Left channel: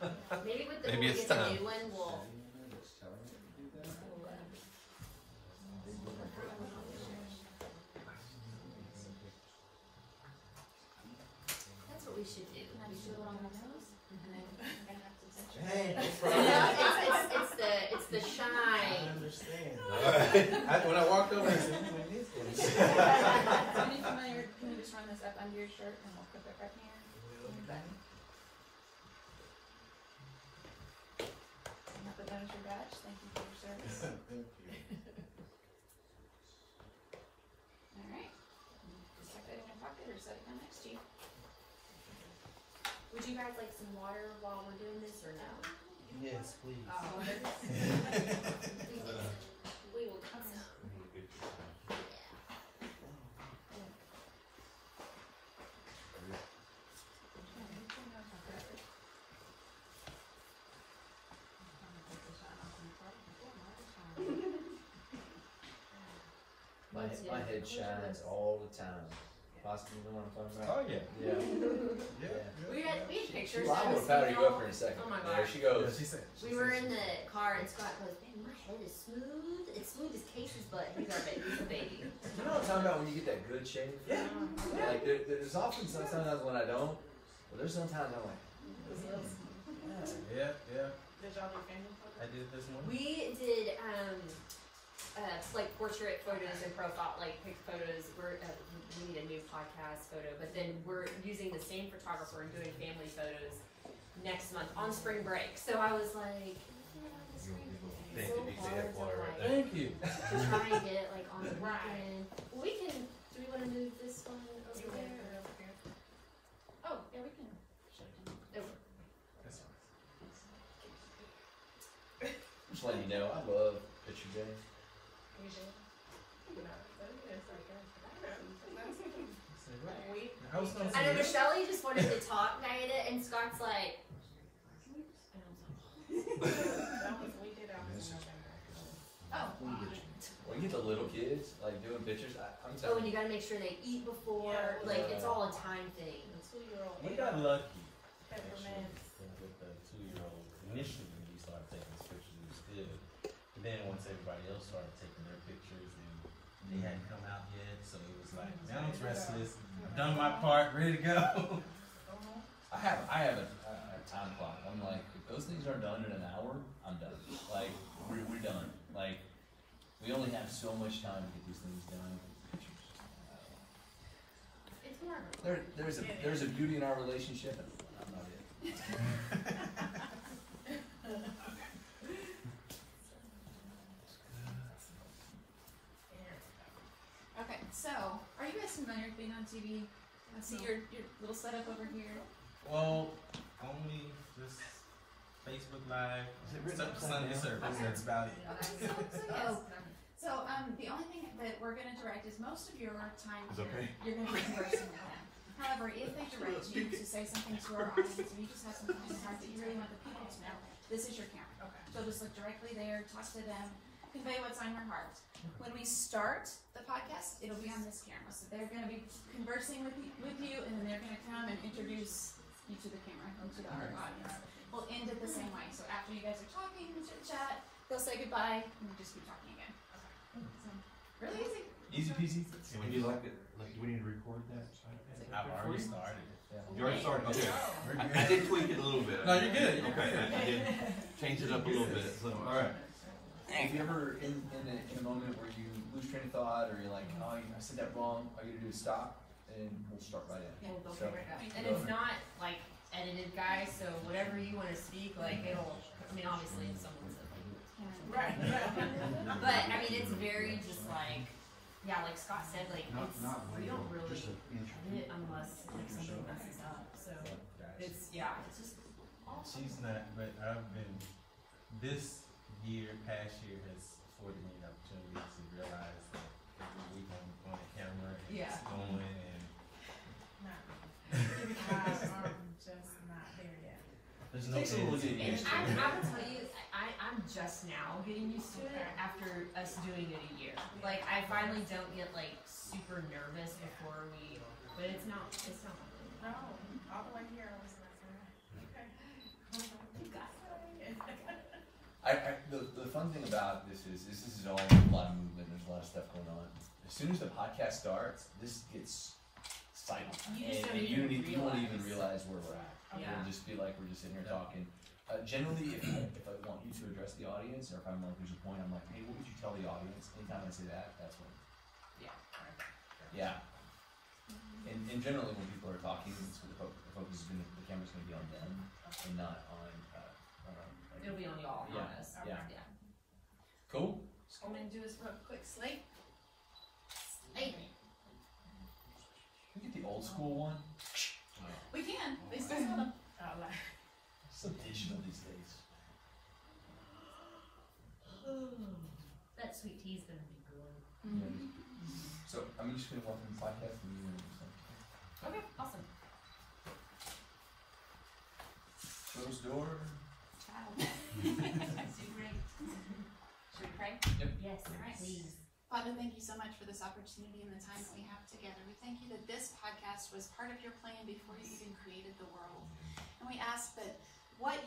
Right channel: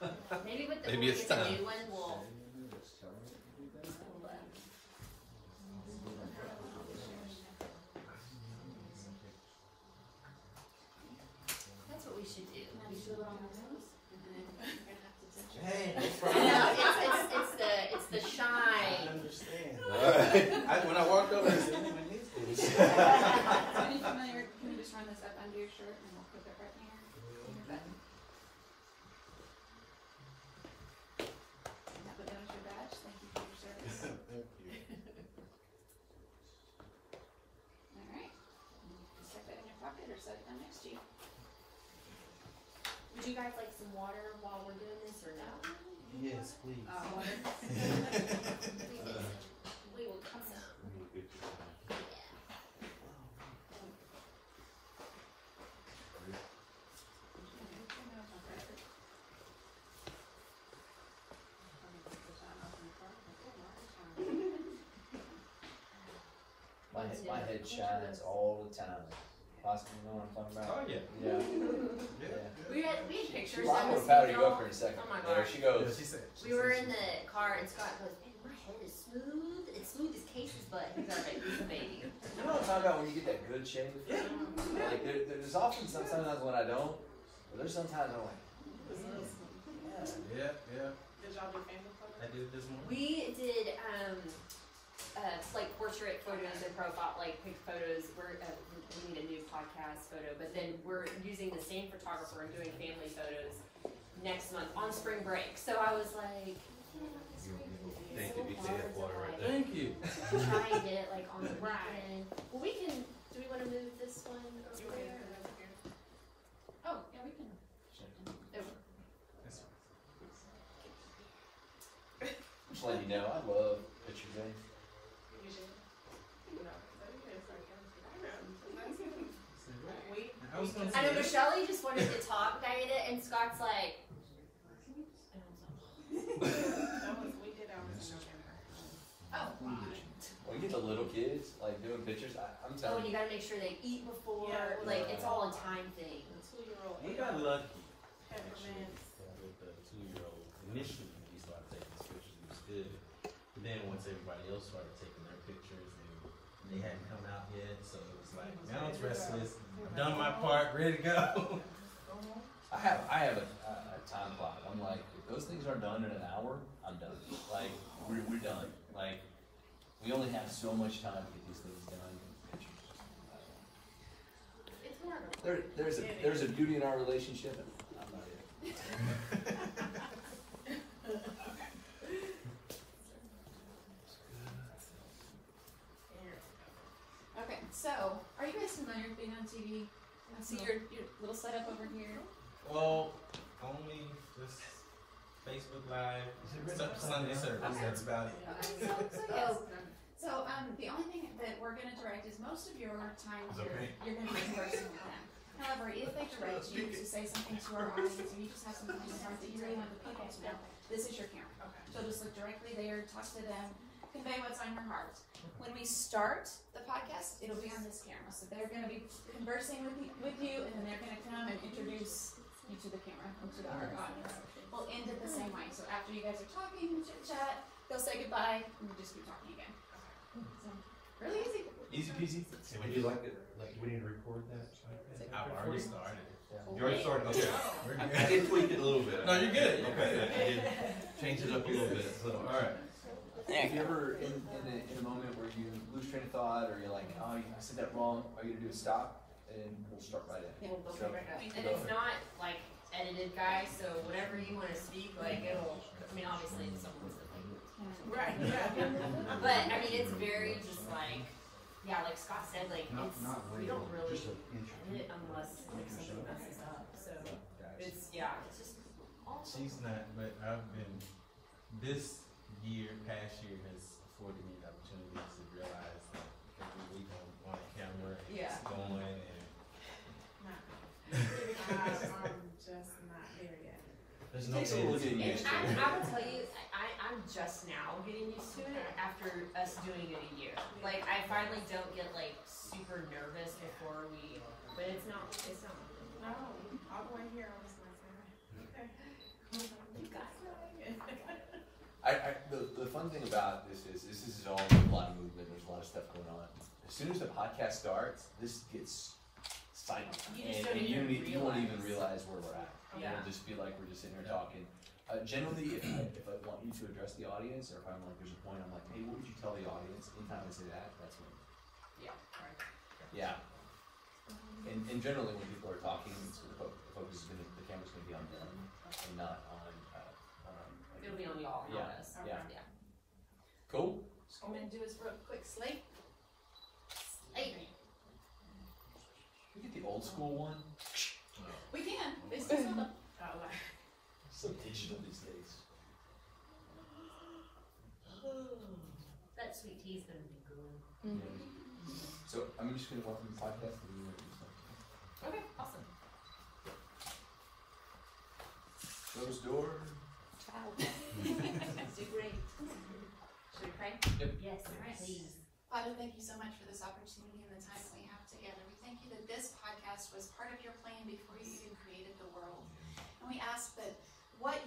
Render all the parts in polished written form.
Maybe with the Maybe it's the time. new one, we'll. That's what we should do. We should do it on the nose, and then we're gonna have to touch it. Hey, no It's the shine. I understand. When I walked over, I said, my knees. Are you familiar? Can we just run this up under your shirt and we'll clip it right here on your button? And have the nose your badge. Thank you for your service. Thank you. All right. Just tuck that in your pocket or set it down next to you. Would you guys like some water while we're doing this, or no? Yes, please. We will get some. My head shines all the time. Possibly, you know what I'm talking about? Oh, yeah. Yeah. We had pictures. Well, I'm of gonna this powder you girl. up for a second. Oh my There gosh. she goes. She said. We were in the car and Scott goes, "Man, my head is smooth. It's smooth as Casey's butt." He's our baby. He's a baby. You know what I'm talking about when you get that good shave? Yeah. Like there's often sometimes when I don't, but there's sometimes I'm like, Yeah. Did y'all do family photos? I did this one. We did like portrait photos and profile, like pic photos. We need a new podcast photo, but then we're using the same photographer and doing family photos next month on spring break. So I was like, Thank you, big head water right there. Thank you. try and get it like on the weekend. Well, we can. Do we want to move this one over You want me to put there? it over here? Oh, yeah, we can. Over. just letting you know, I love picture games. You do? I was gonna I know say. Michelle just wanted to talk Diana, and Scott's like. And I was like, We did ours in November. oh. When you get the little kids like doing pictures, I'm Oh, telling and you you. gotta make sure they eat before. Yeah. Like it's all a time thing. The 2-year-old. We got lucky. Peppermint. With the 2-year-old. Initially, when we started taking his pictures, it was good. But then once everybody else started taking their pictures and they hadn't come out yet, so it was like, now it's restless. I've done my part, ready to go. I have a time clock. I'm like, if those things are done in an hour, I'm done. Like we're done. Like we only have so much time to get these things done. It's whatever. There's a beauty in our relationship. And I'm not it. Okay, so are you guys familiar with being on TV? I see your little setup over here. Well, only this Facebook Live, Sunday service, that's about it. Okay, so yes. So the only thing that we're going to direct is most of your time here, you're going to be conversing with them. However, if they direct you to say something to our audience, or you just have something on your heart that you really want the people to know, this is your camera. Okay. So just look directly there, talk to them, convey what's on your heart. When we start the podcast, it'll be on this camera. So they're going to be conversing with you, and then they're going to come and introduce you to the camera and to our audience. We'll end it the same way. So after you guys are talking, chit chat, they'll say goodbye, and we'll just keep talking again. So, really easy. Easy peasy. And would you like it? Like, do we need to record that? I've already started. You already started. Okay. I did tweak it a little bit. No, you're good. Okay, I did change it up a little bit. So, all right. If you're ever in a moment where you lose train of thought, or you're like, oh, I said that wrong, all you gotta do is stop, and we'll start right in. Yeah, they'll So, pick right up. And it's not like edited, guys. So whatever you want to speak, like it'll. I mean, obviously someone's like. Right. Yeah. But I mean, it's very just like, yeah, like Scott said, like we don't really edit unless like something messes up. So it's it's just awesome. She's not, but I've been, this past year has afforded me the opportunity to realize that every week I'm on the camera and it's going and. I'm just not there yet. There's no getting used to it. I will tell you, I'm just now getting used to it after us doing it a year. Like I finally don't get like super nervous before we, but it's not. No, all the way here I was like, okay. The fun thing about this is all a lot of movement. There's a lot of stuff going on. As soon as the podcast starts, this gets silent, and you won't even realize where we're at. Yeah. It'll just feel like we're just sitting here talking. Generally, if I want you to address the audience, or if I'm like, there's a point, I'm like, hey, what would you tell the audience? Anytime I say that, that's when. Yeah. Yeah. And generally, when people are talking, it's the focus is gonna, the camera's gonna be on them and not on. Like, It'll be on y'all, Yeah. not us. Yeah. Yeah. Cool. I'm gonna do is real quick slate. Hey. Can we get the old school one? We can. They still sell them. So digital these days. That sweet tea's gonna be good. Yeah. So I'm just gonna welcome the podcast and you and stuff. Okay, awesome. Closed door. So great. Should we pray? Yep. Yes, Alright. please. Father, thank you so much for this opportunity and the time that we have together. We thank you that this podcast was part of your plan before you even created the world. And we ask that what's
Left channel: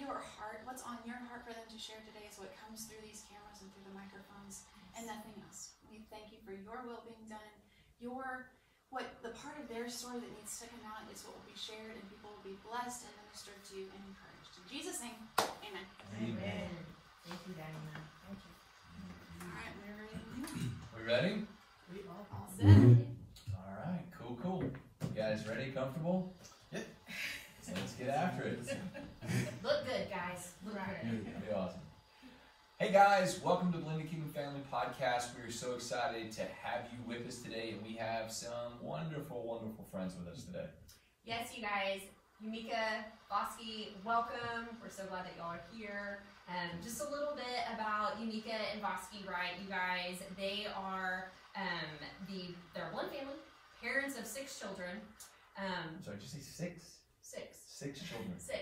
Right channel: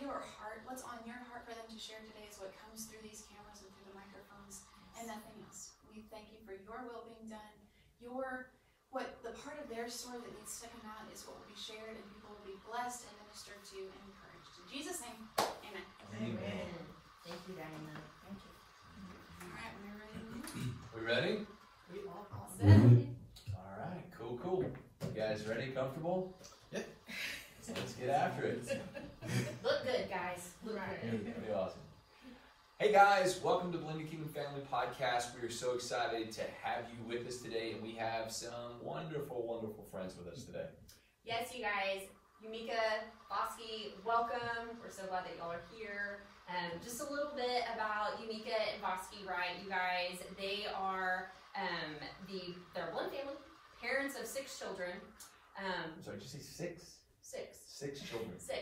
on your heart for them to share today is what comes through these cameras and through the microphones and nothing else. We thank you for your will being done. The part of their story that needs to come out is what will be shared, and people will be blessed and ministered to and encouraged. In Jesus' name, amen. Amen. Thank you, Diana. Thank you. All right, we're ready. We ready? We all set. All right. Cool. You guys ready? Comfortable? Yep. So let's get after it. Look good, guys. Look good. That'd be awesome. Hey guys, welcome to Blended Kingdom Family Podcast. We are so excited to have you with us today, and we have some wonderful friends with us today. Yes, you guys. Yumika, Voski, welcome. We're so glad that y'all are here. Just a little bit about Yumika and Voski, right? You guys, they are they're one family, parents of 6 children. Sorry, did you say 6? 6. 6 children. 6.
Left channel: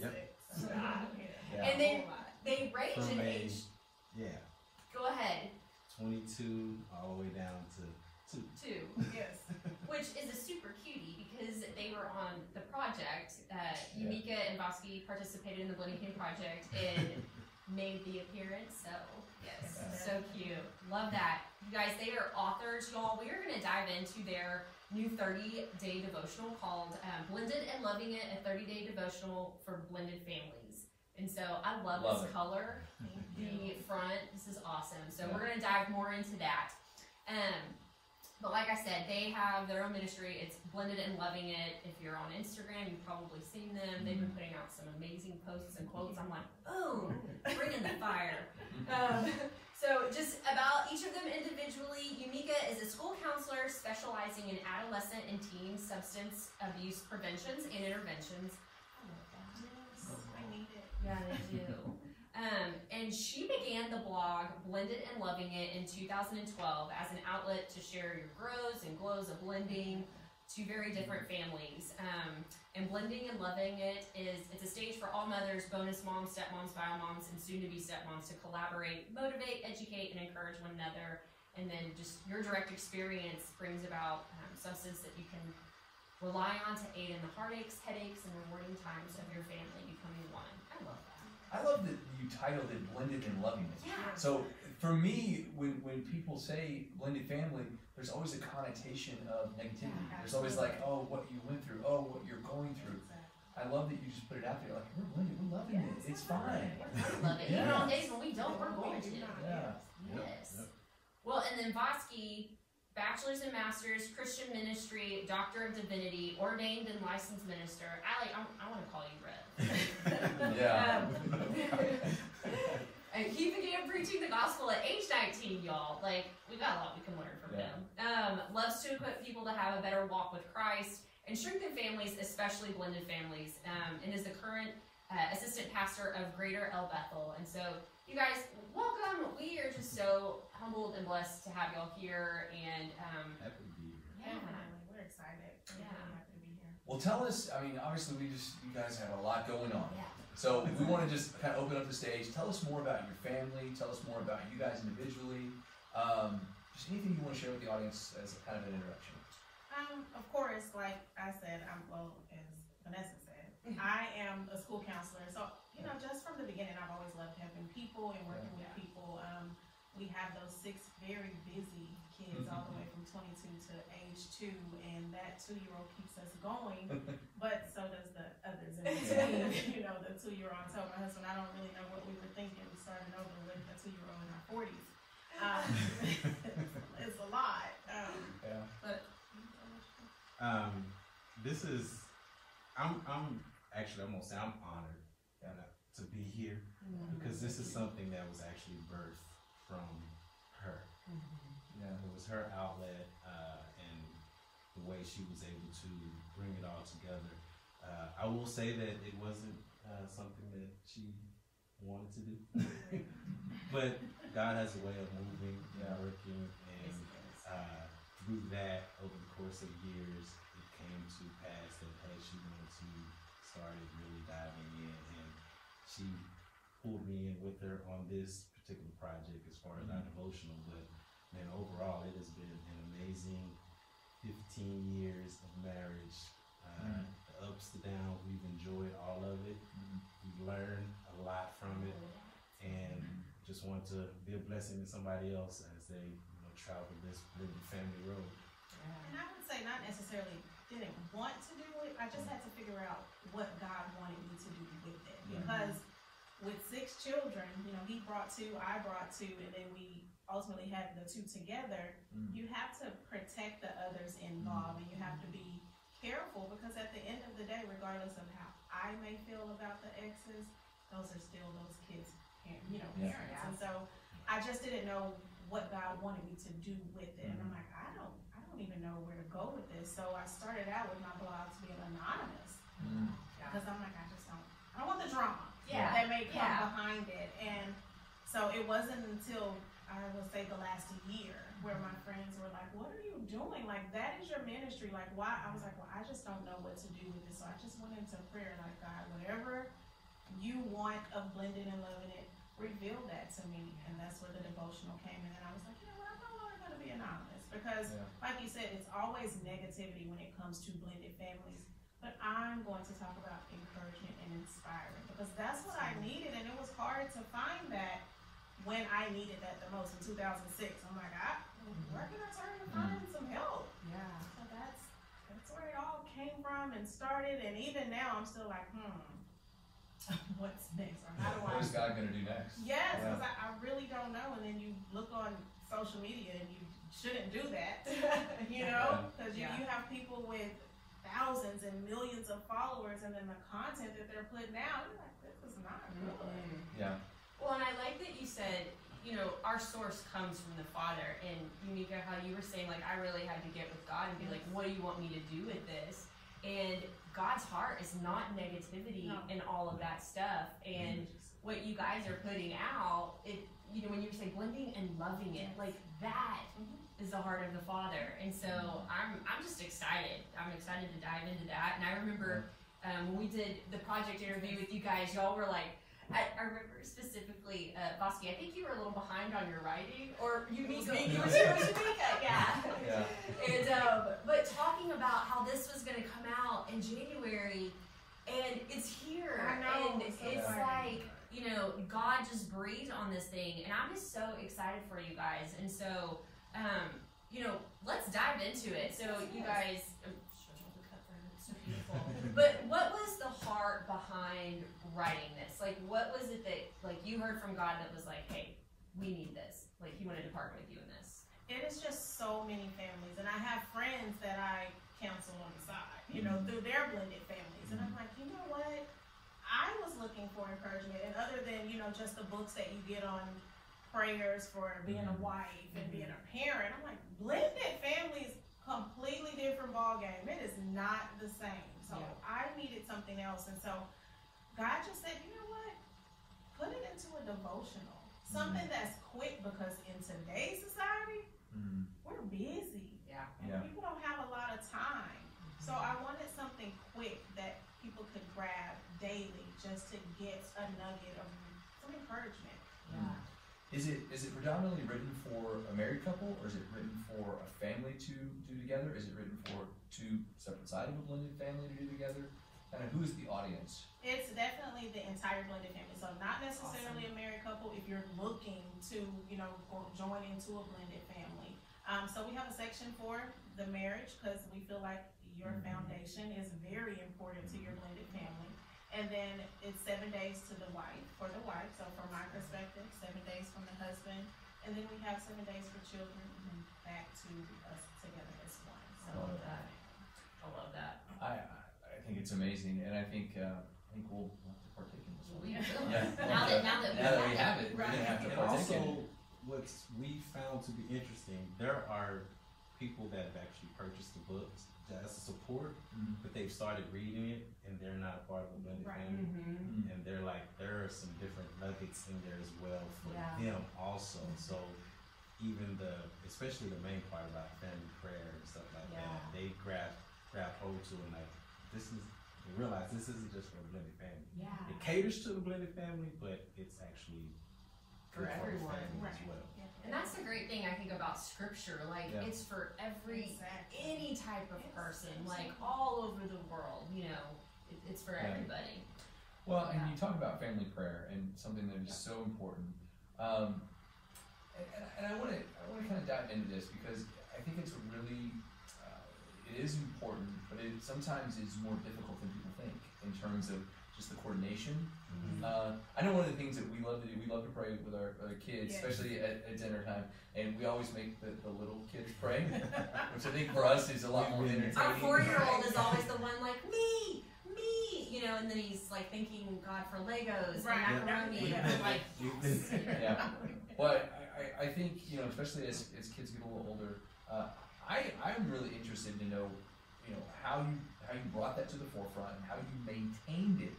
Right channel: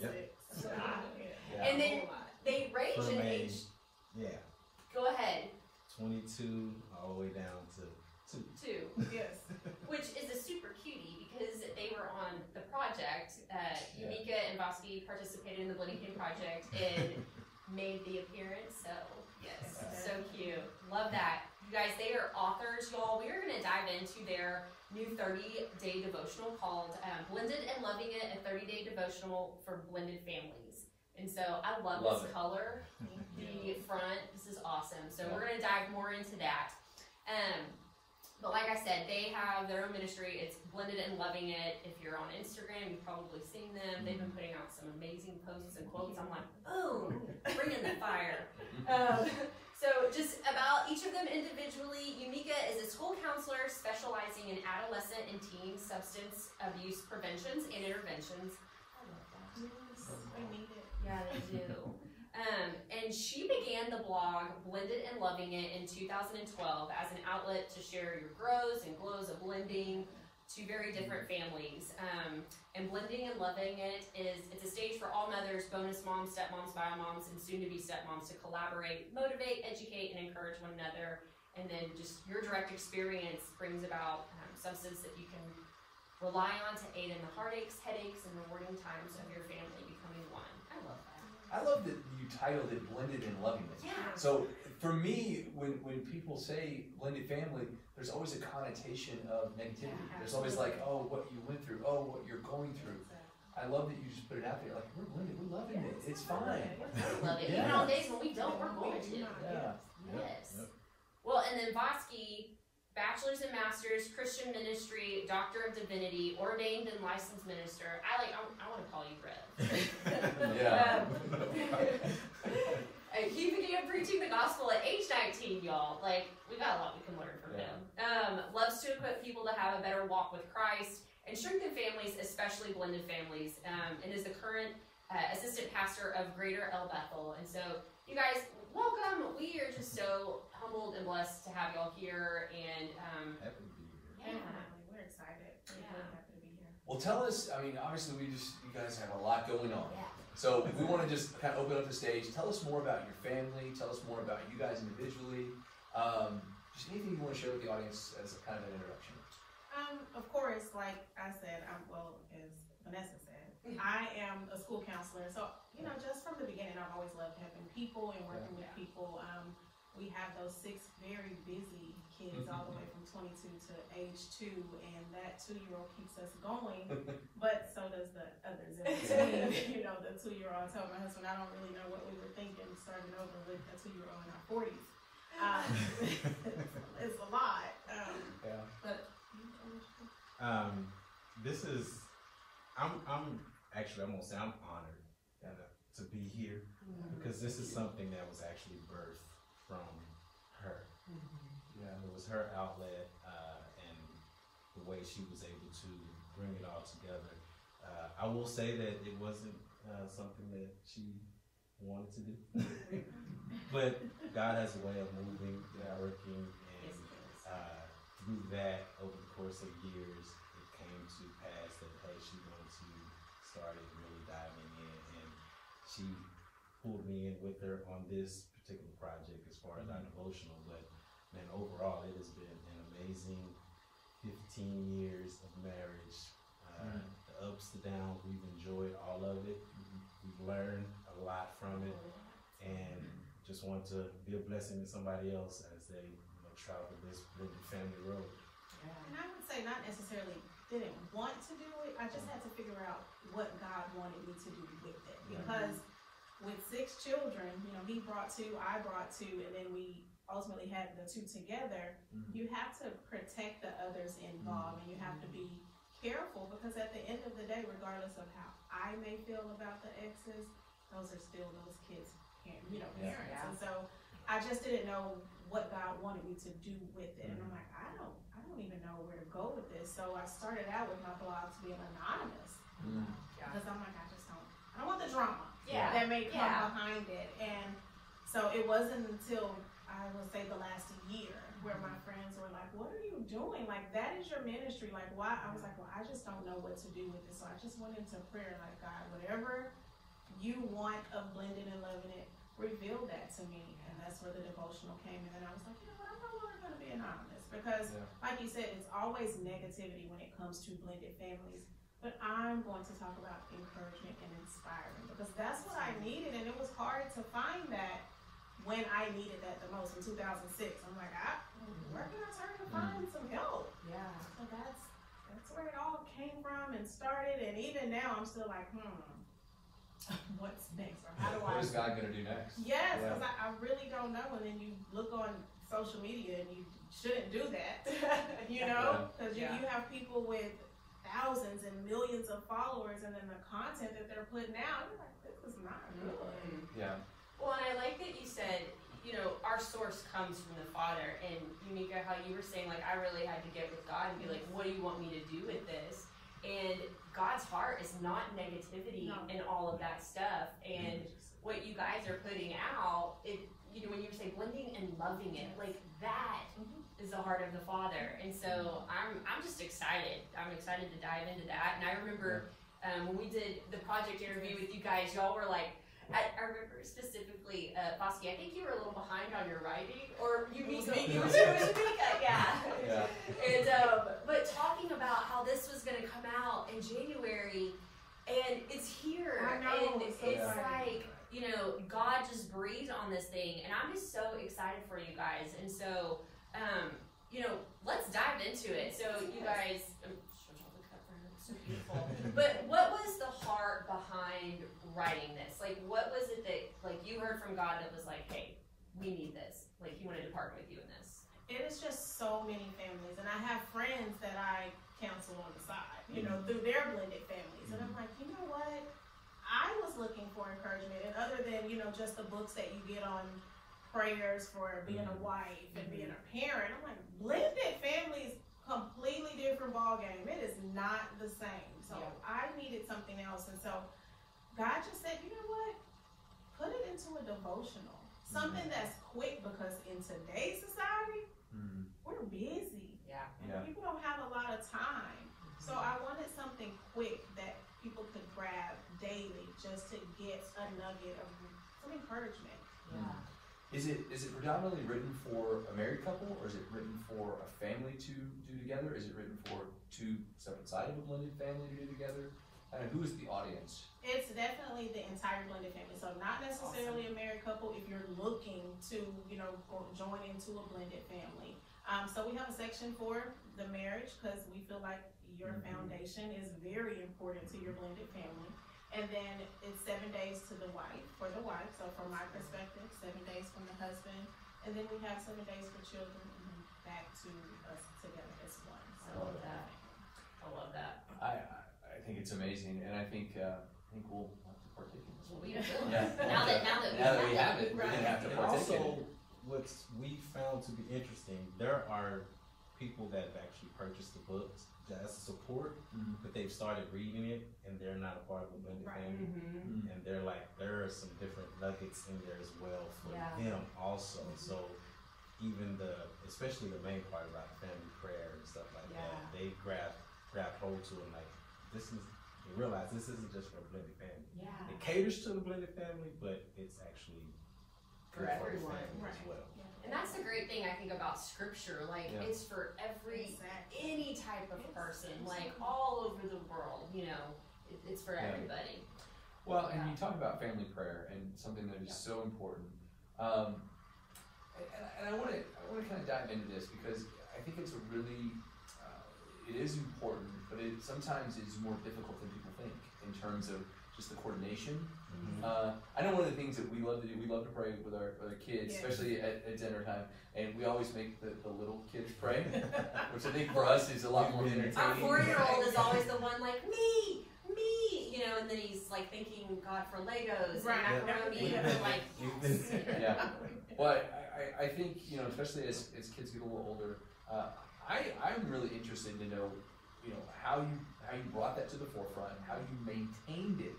Yep. Yeah. And they range From in age, age. yeah, Go ahead. 22 all the way down to 2. 2. Yes. Which is a super cutie because they were on the project. Yumika and Voski participated in the Blended Kingdom project and made the appearance. So, yes, so cute. Love that. You guys, they are authors, y'all. We are going to dive into their new 30-day devotional called Blended and Loving It, a 30-day devotional for blended families. And so I love this color. The front, this is awesome. So we're going to dive more into that. But like I said, they have their own ministry. It's Blended and Loving It. If you're on Instagram, you've probably seen them. They've been putting out some amazing posts and quotes. I'm like, oh, bring in the fire. So just about each of them individually, Yumika is a school counselor specializing in adolescent and teen substance abuse preventions and interventions. I love that. Yes, we need it. Yeah, they do. And she began the blog Blended and Loving It in 2012 as an outlet to share your grows and glows of blending to very different families. And Blending and Loving It it's a stage for all mothers, bonus moms, stepmoms, bio moms, and soon-to-be stepmoms to collaborate, motivate, educate, and encourage one another. And then just your direct experience brings about substance that you can rely on to aid in the heartaches, headaches, and rewarding times of your family becoming one. I love that. I love that you titled it Blended and Loving It. Yeah. So for me, when people say blended family, there's always a connotation of negativity. Yeah, there's always like, oh, what you went through, oh, what you're going through. I love that you just put it out there, like, we're blended, we're loving it, it's fine. I love it. Even on days when we don't, we're going to. Yeah. Yes. Well, and then Voski, bachelor's and master's, Christian ministry, doctor of divinity, ordained and licensed minister. I want to call you Rev. Yeah. He began preaching the gospel at age 19, y'all. Like, we got a lot we can learn from him. Loves to equip people to have a better walk with Christ and strengthen families, especially blended families, and is the current assistant pastor of Greater El Bethel. And so, you guys, welcome. We are just so humbled and blessed to have y'all here. And Happy to be here. We're excited. We're really happy to be here. Well, tell us, I mean, obviously you guys have a lot going on. Yeah. So we want to just kind of open up the stage. Tell us more about your family. Tell us more about you guys individually. Just anything you want to share with the audience as a kind of an introduction. Of course, like I said, as Vanessa said, I am a school counselor, so just from the beginning, I've always loved helping people and working with people. We have those 6 very busy kids all the way from 22 to age 2, and that 2-year-old keeps us going, but so does the others in between. The 2-year-old. I told my husband, I don't really know what we were thinking starting over with a 2-year-old in our 40s. It's a lot. But this is, I'm gonna say I'm honored to be here because this is something that was actually birthed from her. Yeah, it was her outlet and the way she was able to bring it all together. I will say that it wasn't something that she wanted to do, but God has a way of moving and working, and through that, over the course of years, it came to pass that hey, she wanted to start it really diving in, and she pulled me in with her on this particular project as far as our devotional. But man, overall, it has been an amazing 15 years of marriage. The ups, the downs, we've enjoyed all of it. We've learned a lot from it, and just want to be a blessing to somebody else as they travel this blended family road. And I would say not necessarily didn't want to do it. I just had to figure out what God wanted me to do with it, because with 6 children, he brought 2, I brought 2, and then we ultimately had the 2 together. You have to protect the others involved, and you have to be careful, because at the end of the day, regardless of how I may feel about the exes, those are still those kids' parents. And so I just didn't know what God wanted me to do with it, and I'm like, I don't even know where to go with this. So I started out with my blogs being anonymous, because I'm like, I don't want the drama that may come behind it. And so it wasn't until I would say the last year where my friends were like, what are you doing? Like, that is your ministry. Like, why? I was like, well, I just don't know what to do with this. So I just went into prayer, like, God, whatever you want of blending and loving it, reveal that to me. And that's where the devotional came in. And I was like, I'm no longer going to be anonymous, because like you said, it's always negativity when it comes to blended families. But I'm going to talk about encouragement and inspiring, because that's what I needed. And it was hard to find that when I needed that the most in 2006. I'm like, where can I turn to find some help? Yeah. So that's where it all came from and started. And even now, I'm still like, what's next? Or how do I? What is God going to do next? Yes, because I really don't know. And then you look on social media and you shouldn't do that, because you have people with thousands and millions of followers, and then the content that they're putting out, you're like, this is not good. Yeah. Well, and I like that you said, our source comes from the Father. And Yumika, how you were saying, like, I really had to get with God and be like, what do you want me to do with this? And God's heart is not negativity and all of that stuff. And what you guys are putting out, when you say blending and loving it, like that is the heart of the Father. And so I'm just excited. I'm excited to dive into that. And I remember when we did the project interview with you guys, y'all were like, I remember specifically, Voski, I think you were a little behind on your writing, or you were Yumika, yeah. And but talking about how this was going to come out in January, and it's here, I know, and it's like, God just breathed on this thing, and I'm just so excited for you guys. And so, let's dive into it. So you guys, so beautiful. But what was the heart behind writing this? Like, what was it that, like, you heard from God that was like, hey, we need this? Like, He wanted to partner with you in this. It is just so many families, and I have friends that I counsel on the side, through their blended families, and I'm like, you know what? I was looking for encouragement, and other than, just the books that you get on prayers for being a wife and being a parent, I'm like, blended families, completely different ball game. It is not the same. So I needed something else, and so God just said, you know what? Put it into a devotional, something that's quick, because in today's society, we're busy. And people don't have a lot of time. So I wanted something quick that people could grab daily, just to get a nugget of some encouragement. Is it predominantly written for a married couple, or is it written for a family to do together? Is it written for 2 separate sides of a blended family to do together? And who is the audience? It's definitely the entire blended family. So not necessarily a married couple if you're looking to, join into a blended family. So we have a section for the marriage because we feel like your foundation is very important to your blended family. And then it's 7 days to the wife, for the wife. So from my perspective, 7 days from the husband. And then we have 7 days for children and then back to us together as one. I love that. I love that. I think it's amazing, and I think we'll have to partake in this one. We will. Yeah. Now that we have it. We're gonna have to And partake in it. also, what we found to be interesting, there are people that have actually purchased the books as a support, but they've started reading it and they're not a part of the blended family. And they're like, there are some different nuggets in there as well for them also. So even especially the main part about family prayer and stuff like that, they grab hold to it like, they realize this isn't just for a blended family. Yeah. It caters to the blended family, but it's actually For good the everyone. family as well. And that's the great thing I think about scripture. Like it's for any type of person, like all over the world. It's for everybody. Well, and you talk about family prayer and something that is so important. And I want to kind of dive into this because I think it's a really it is important, but it sometimes is more difficult than people think in terms of just the coordination. I know one of the things that we love to do, we love to pray with our kids, especially at dinner time, and we always make the little kids pray, which I think for us is a lot more entertaining. Our 4-year-old is always the one like, me, and then he's like thanking God for Legos and macaroni. But I think, especially as kids get a little older, I'm really interested to know, how you brought that to the forefront, how you maintained it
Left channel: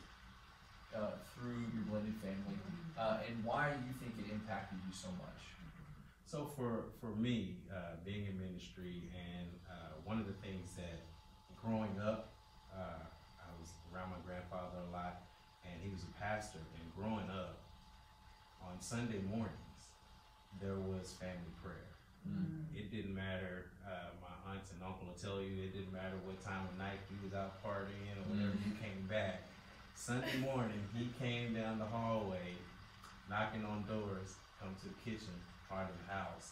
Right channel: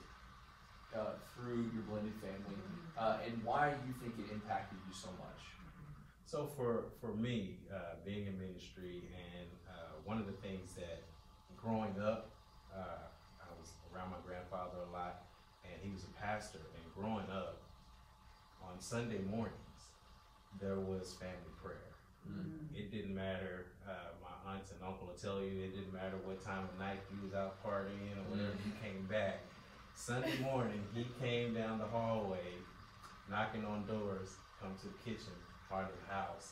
through your blended family, and why you think it impacted you so much. So for me, being in ministry, and one of the things that growing up, I was around my grandfather a lot, and he was a pastor, and growing up, on Sunday mornings, there was family prayer. It didn't matter, my aunts and uncle will tell you, it didn't matter what time of night you was out partying or whatever, you came back. Sunday morning, he came down the hallway, knocking on doors, come to the kitchen, part of the house,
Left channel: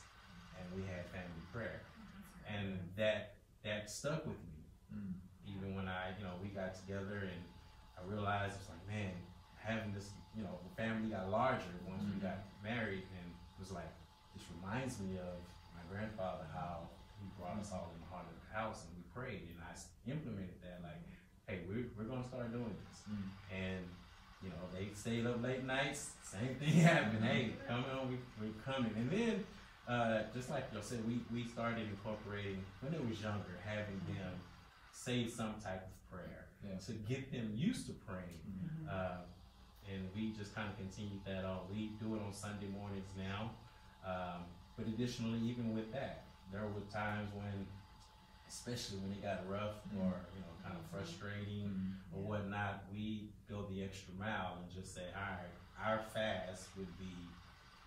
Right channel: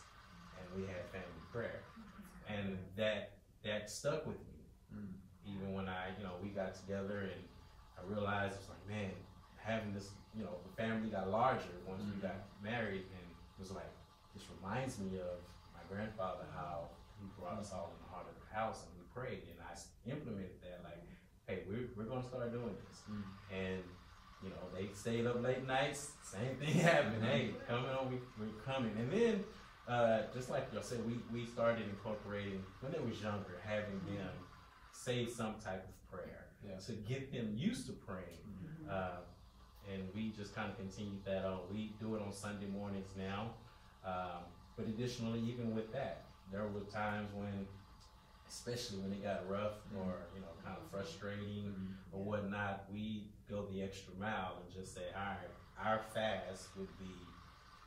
and we had family prayer. And that stuck with me. Even when we got together and I realized it's like, man, having this, the family got larger once we got married, and it was like, this reminds me of my grandfather, how he brought us all in the heart of the house and we prayed, and I implemented that, like, hey, we're gonna start doing this. And they stayed up late nights, same thing happened. Hey, come on, we're coming. And then just like y'all said, we started incorporating when they was younger, having them say some type of prayer to get them used to praying. And we just kind of continued that on. We do it on Sunday mornings now. But additionally, even with that, there were times when, especially when it got rough or kind of frustrating or whatnot, we go the extra mile and just say, all right, our fast would be,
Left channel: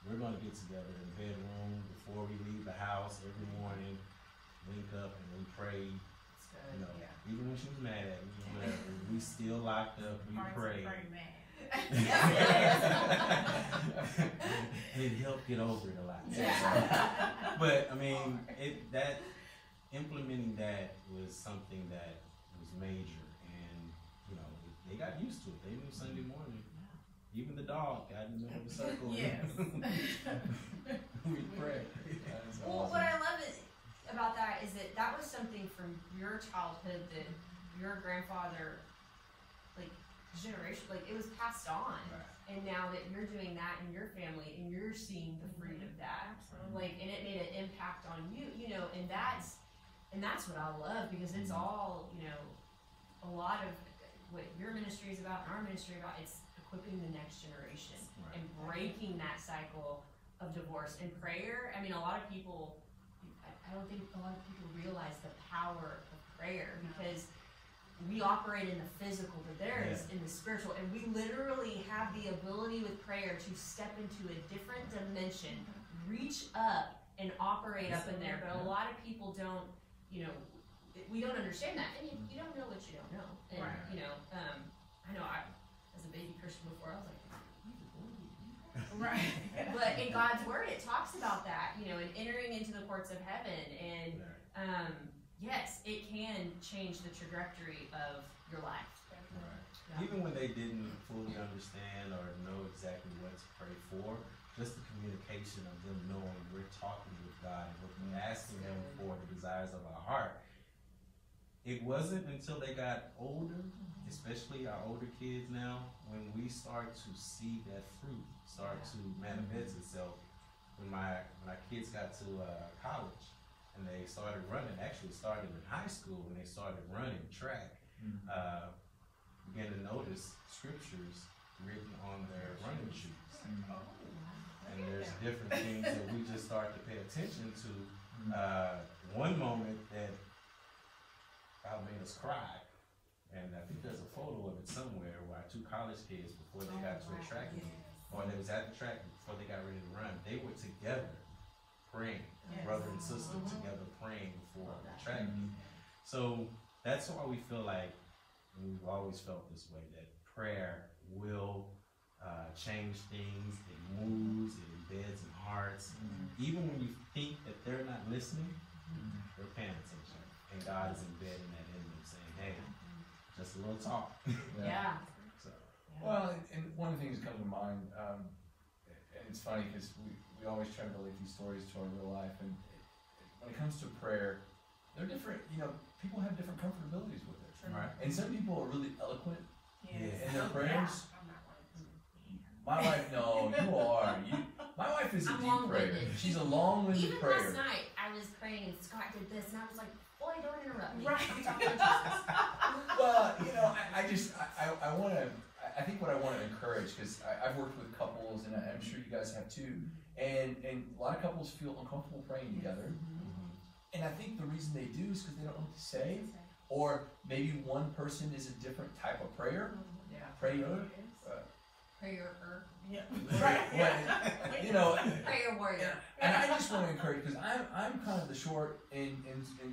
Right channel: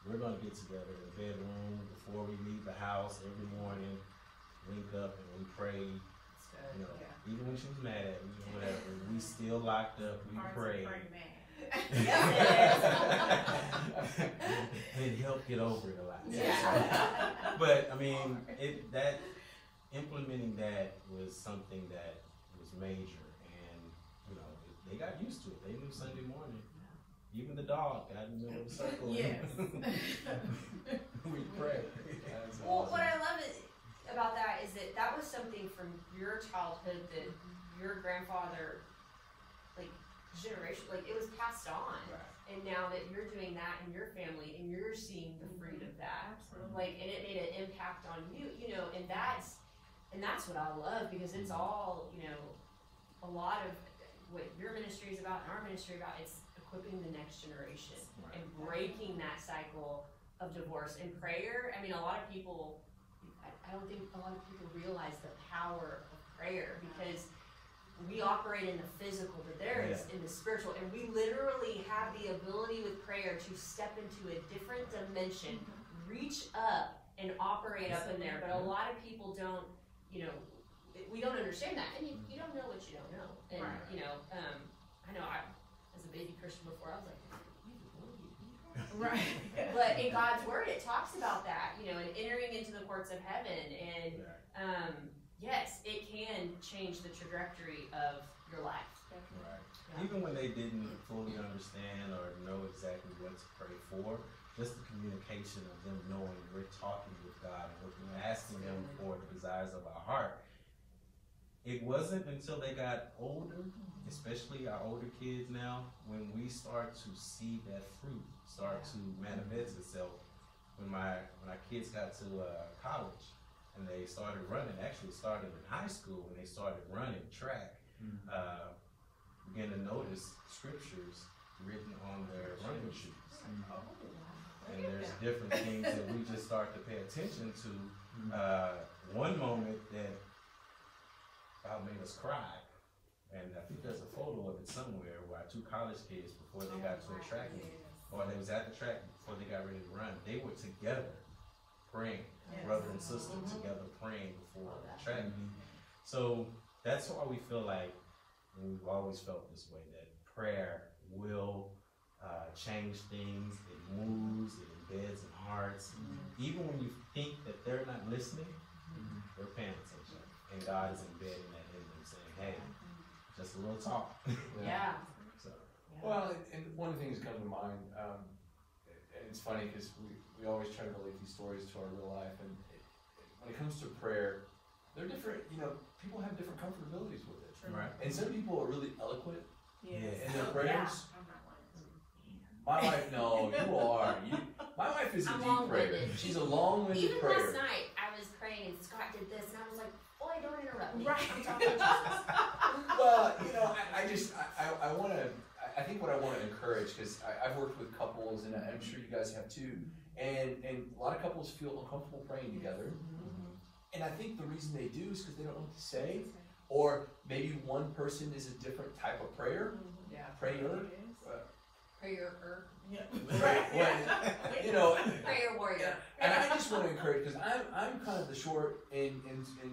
we're going to get together in the bedroom before we leave the house every morning, link up and we pray. Even when she was mad at me or whatever, we still locked up, we prayed. It helped get over it a lot. But I mean, implementing that was something that was major, and they got used to it. They knew Sunday morning. Even the dog got in the middle of the circle. We pray. Well, what I love about that is that was something from your childhood that your grandfather, generation, it was passed on. And now that you're doing that in your family and you're seeing the fruit of that, and it made an impact on you, and that's what I love, because it's all, a lot of what your ministry is about and our ministry about. It's equipping the next generation and breaking that cycle of divorce and prayer. I mean, a lot of people, I don't think a lot of people realize the power of prayer, because we operate in the physical, but there is in the spiritual, and we literally have the ability with prayer to step into a different dimension, reach up and operate up in there. But a lot of people don't, we don't understand that, and you don't know what you don't know. And baby Christian before. I was like, Right. but in God's word, it talks about that, you know, and entering into the courts of heaven. And yes, it can change the trajectory of your life. Right. Yeah. Even when they didn't fully understand or know exactly what to pray for, just the communication of them knowing we're talking with God and we're asking Him for the desires of our heart. It wasn't until they got older, especially our older kids now, when we start to see that fruit start to manifest itself. When our kids got to college and they started running, actually started in high school when they started running track, began to notice scriptures written on their running shoes. And there's different things that we just start to pay attention to. One moment that made us cry, and I think there's a photo of it somewhere where our 2 college kids, before they got to a track meet, or they was at the track before they got ready to run, they were together praying, brother and sister together praying before the track meet. So that's why we feel like, and we've always felt this way, that prayer will change things. It moves, it embeds in hearts. Even when you think that they're not listening, they're paying attention. And God is embedding that in them, saying, hey, just a little talk. Yeah. So, Well, and one of the things that comes to mind, and it's funny because we always try to relate these stories to our real life, and when it comes to prayer, they're different, you know, people have different comfortabilities with it. right. And some people are really eloquent Yes. in their prayers. I'm not one. My wife, no, you are. My wife is a I'm deep prayer. long-winded. She's a long-winded Even prayer. last night, I was praying and Scott did this, and I was like, boy, don't interrupt me. Right. I'm talking to Jesus. Well, you know, I want to, I think what I want to encourage, because I've worked with couples, and I'm sure you guys have too, and a lot of couples feel uncomfortable praying together. And I think the reason they do is because they don't know what to say, or maybe one person is a different type of prayer. Prayer. Prayer. Yeah. Well, you know, Prayer warrior. and I just want to encourage, because I'm kind of the short and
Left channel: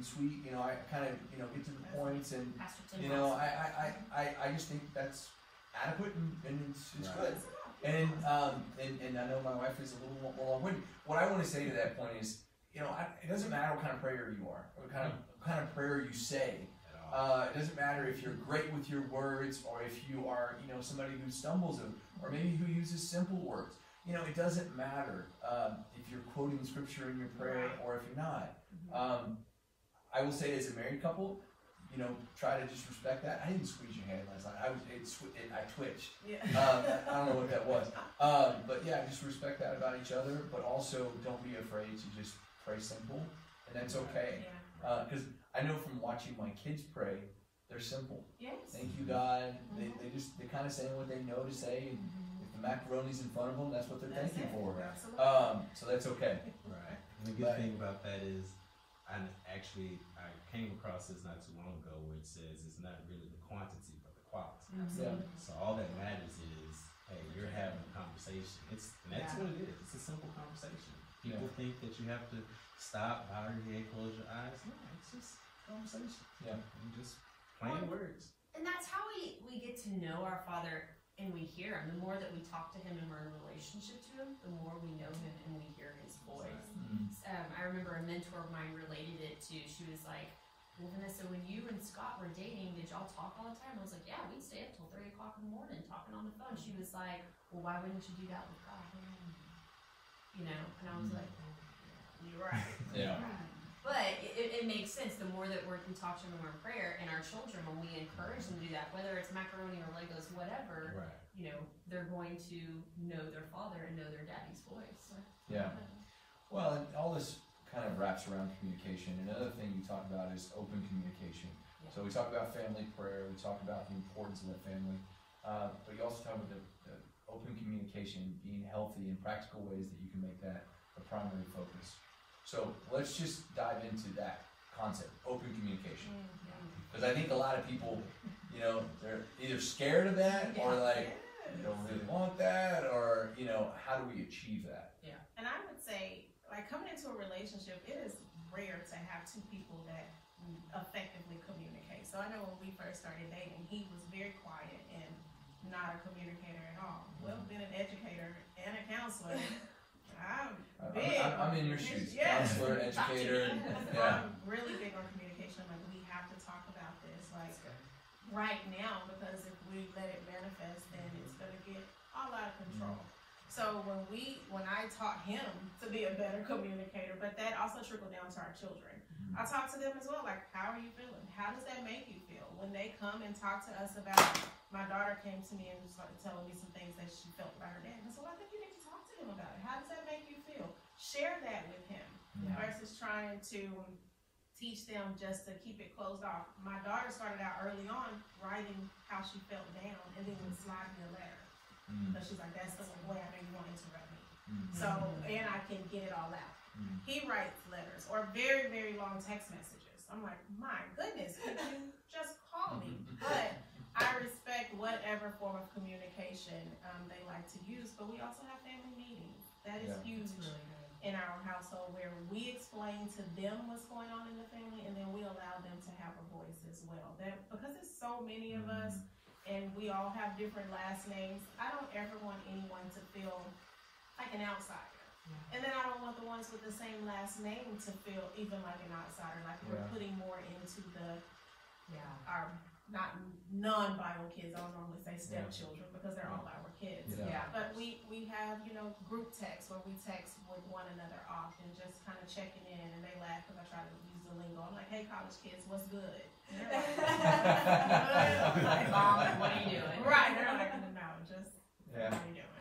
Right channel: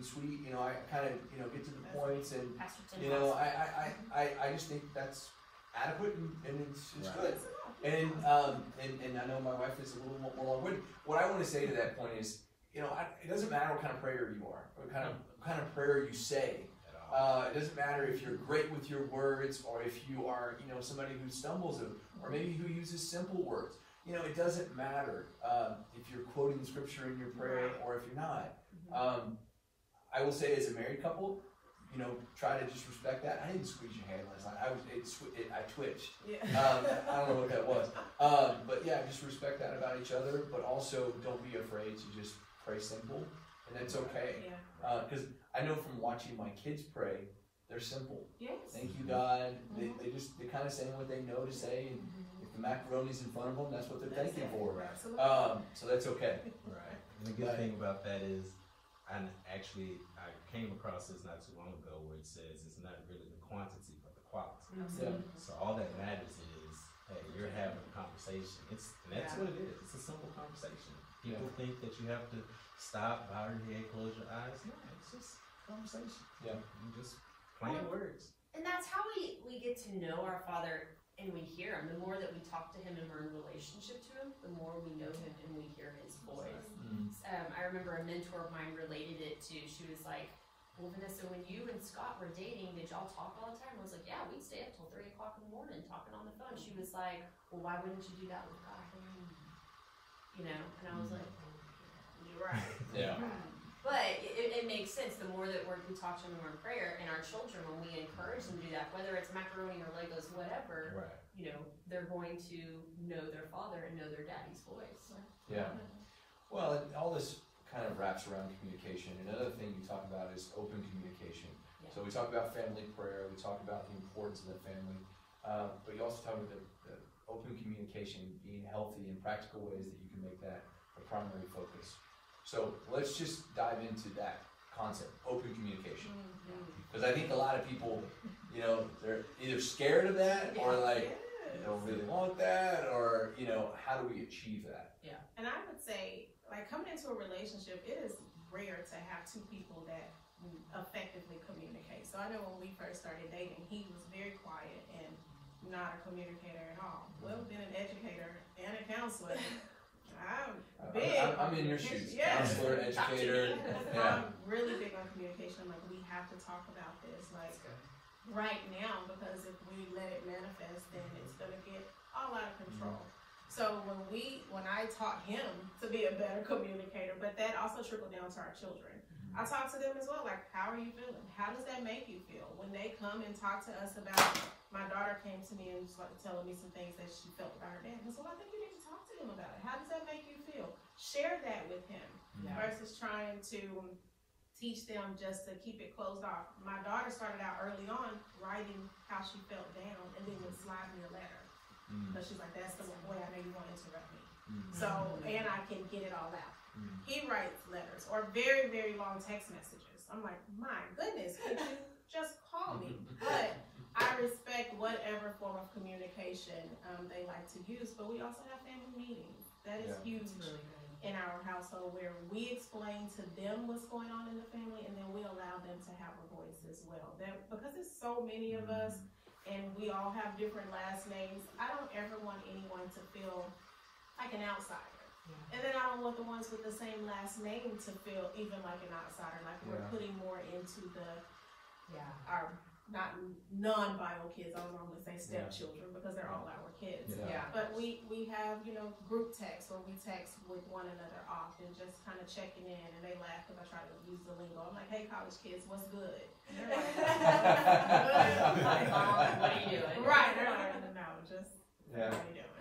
sweet, you know, I kind of, you know, get to the points, and Pastor Tim you know, Hudson. I just think that's adequate, and it's Right. good. And I know my wife is a little more long-winded. What I want to say to that point is, you know, it doesn't matter what kind of prayer you are, what kind of prayer you say. It doesn't matter if you're great with your words, or if you are, you know, somebody who stumbles, or maybe who uses simple words. You know, it doesn't matter if you're quoting scripture in your prayer or if you're not. I will say, as a married couple, you know, try to just respect that. I didn't squeeze your hand last night. I twitched. Yeah. I don't know what that was. But yeah, just respect that about each other. But also, don't be afraid to just pray simple, and that's okay. Because I know from watching my kids pray, they're simple. Yes. Thank you, God. They kind of saying what they know to say, and if the macaroni's in front of them, that's what they're thanking for. Absolutely. So that's okay. Right. And the good thing about that is, and actually, I came across this not too long ago where it says it's not really the quantity, but the quality. Yeah. So all that matters is, hey, you're having a conversation. And that's what it is. It's a simple conversation. People think that you have to stop, bow your head, close your eyes. No, it's just conversation. Yeah. And just plain words. And that's how we get to know our Father, and we hear Him. The more that we talk to Him and we're in a relationship to Him, the more we know Him and we hear His voice. I remember a mentor of mine related it to, she was like, well, Vanessa, when you and Scott were dating, did y'all talk all the time? I was like, yeah, we'd stay up till 3 o'clock in the morning talking on the phone. She was like, well, why wouldn't you do that with God? You know, and I was like, you're right. Yeah. But it makes sense. The more that we talk to them in our prayer, and our children, when we encourage them to do that, whether it's macaroni or Legos, whatever, Right. you know, they're going to know their father and know their daddy's voice. Yeah. Well, and all this kind of wraps around communication. Another thing you talk about is open communication. Yeah. So we talk about family prayer, we talk about the importance of the family, but you also talk about the open communication, being healthy in practical ways that you can make that a primary focus. So let's just dive into that concept, open communication. Because I think a lot of people, you know, they're either scared of that, or like, they don't really want that, or, you know, how do we achieve that? And I would say, like, coming into a relationship, it is rare to have two people that effectively communicate. So I know when we first started dating, he was very quiet, and not a communicator at all. Well, being an educator and a counselor, I'm in your shoes. Yes. Counselor, educator. Yeah. I'm really big on communication. Like, we have to talk about this, like, right now, because if we let it manifest, then it's gonna get all out of control. So when I taught him to be a better communicator, but that also trickled down to our children. I talk to them as well, like, how are you feeling? How does that make you feel? When they come and talk to us about, my daughter came to me and started telling me some things that she felt about her dad. And so I think you need to talk to him about it. How does that make you feel? Share that with him versus trying to teach them just to keep it closed off. My daughter started out early on writing how she felt down and then would slide me a letter. Because she's like, that's the way I know you want to interrupt me. So, and I can get it all out. He writes letters or very, very long text messages. I'm like, my goodness, could you just call me? But I respect whatever form of communication they like to use. But we also have family meetings. That is huge in our household, where we explain to them what's going on in the family, and then we allow them to have a voice as well. Because there's so many of us, and we all have different last names, I don't ever want anyone to feel like an outsider. And then I don't want the ones with the same last name to feel even like an outsider, like we're putting more into our not non-bio kids. I would normally say stepchildren because they're all our kids. But we have, group text where we text with one another often, just kind of checking in, and they laugh because I try to use the lingo. I'm like, hey, college kids, what's good? And they're like, Hi, Mom, what are you doing? Right, they're like, no, just how are you doing?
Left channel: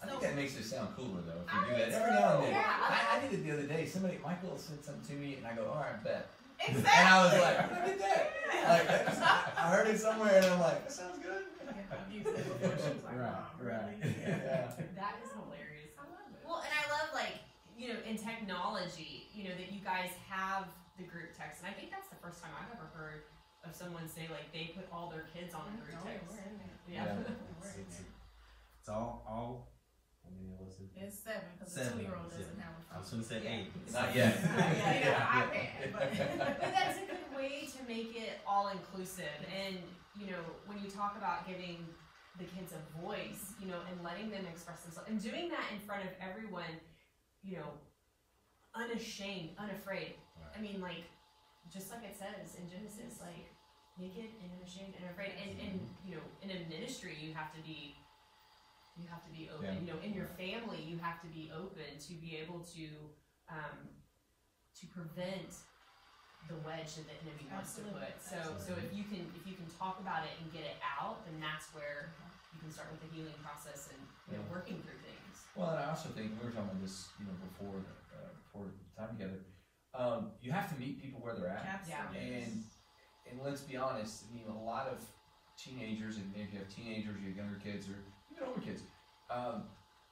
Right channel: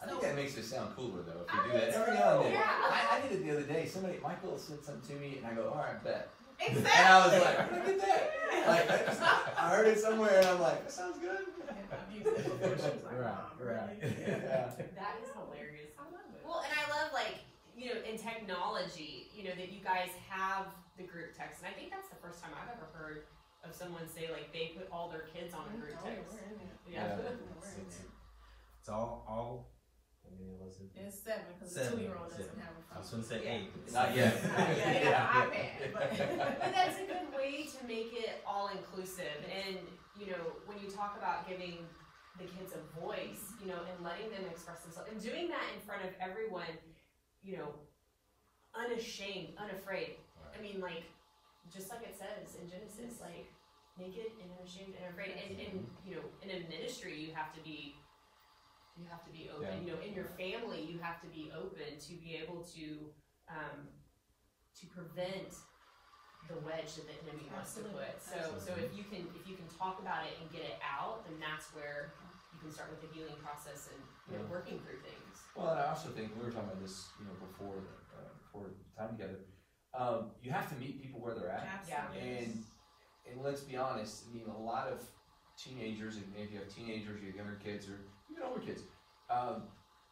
I think that makes it sound cooler though, if we do that every now and then. I did it the other day. Michael said something to me, and I go, all right, bet. Exactly. And I was like, look at that. Like, I heard it somewhere, and I'm like, that sounds good. I've used it before. She was like, Mom, really? That is hilarious. I love it. Well, and I love, like, in technology, that you guys have the group text. And I think that's the first time I've ever heard of someone say, like, they put all their kids on the group text. We're in there. It's all. I mean, It's 7 because the 2-year-old doesn't have a phone. I was going to say 8. Not yet. But that's a good way to make it all inclusive. And, when you talk about giving the kids a voice, and letting them express themselves, and doing that in front of everyone, unashamed, unafraid. Right. I mean, like, just like it says in Genesis, like, naked and unashamed and unafraid. And in a ministry, you have to be open. In your family, you have to be open to be able to prevent the wedge that the enemy wants to put. So if you can talk about it and get it out, then that's where you can start with the healing process and working through things. Well, and I also think we were talking about this, before time together. You have to meet people where they're at. Absolutely. And let's be honest. I mean, a lot of teenagers, and if you have teenagers, you have younger kids, or even older kids.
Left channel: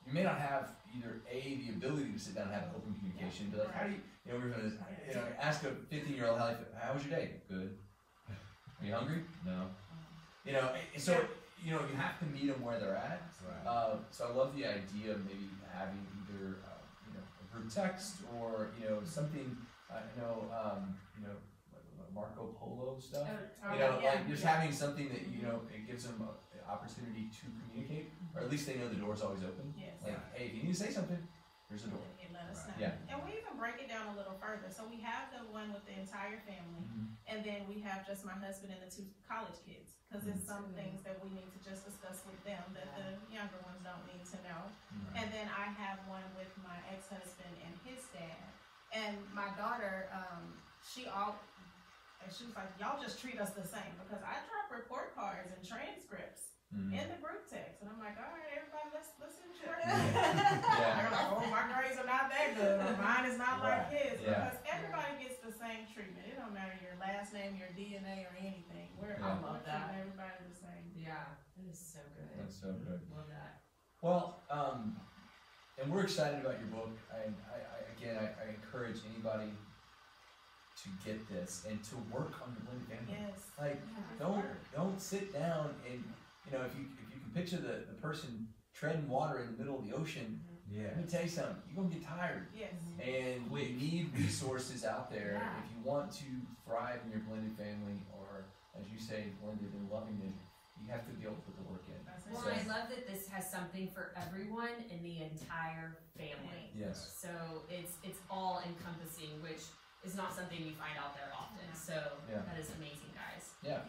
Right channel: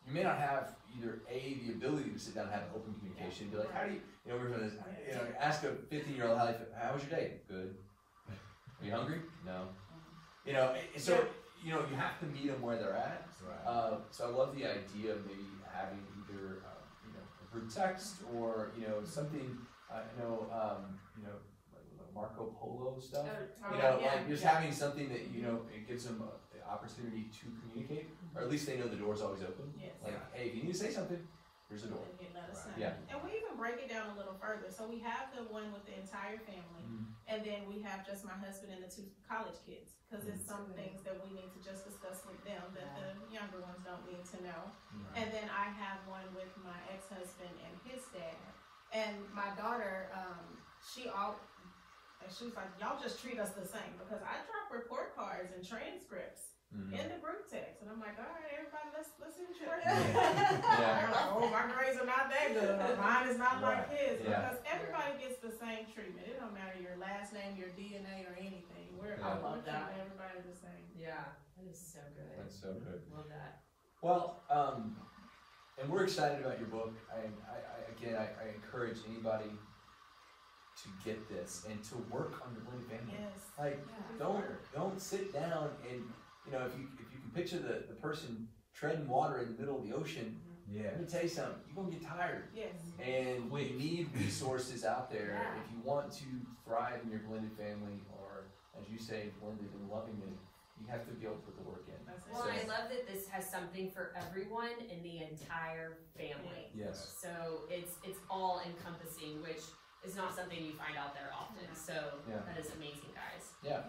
You may not have either the ability to sit down and have open communication, and be like, how do you, we're going to, ask a 15-year-old how was your day? Good. Are you hungry? No. So you have to meet them where they're at. Right. So I love the idea of maybe having either a group text or something. Marco Polo stuff. Like just having something that it gives them an opportunity to communicate, or at least they know the door's always open. Yes. Like, hey, if you need to say something, here's the door. Let us know. Yeah. And we even break it down a little further. So we have the one with the entire family, and then we have just my husband and the 2 college kids, because there's some things that we need to just discuss with them that the younger ones don't need to know. And then I have one with my ex-husband and his dad, and my daughter. She was like, y'all just treat us the same, because I drop report cards and transcripts in the group text, and I'm like, all right, everybody, let's see what you're working on. They're like, oh, my grades are not that good, or mine is not like his, because everybody gets the same treatment. It don't matter your last name, your DNA, or anything. I love that. Everybody the same. Yeah, that is so good. That's so good. Love that. Well, and we're excited about your book. I encourage anybody to get this and to work on your blended family. Yes. Like, don't sit down and if you can picture the person treading water in the middle of the ocean. Let me tell you something. You're gonna get tired. Yes. And we need resources out there if you want to thrive in your blended family, or as you say, blended and lovingly. you have to be able to put the work in. Well, I love that this has something for everyone in the entire family. Yes. So it's all encompassing, which is not something you find out there often. So that is amazing, guys. Yeah.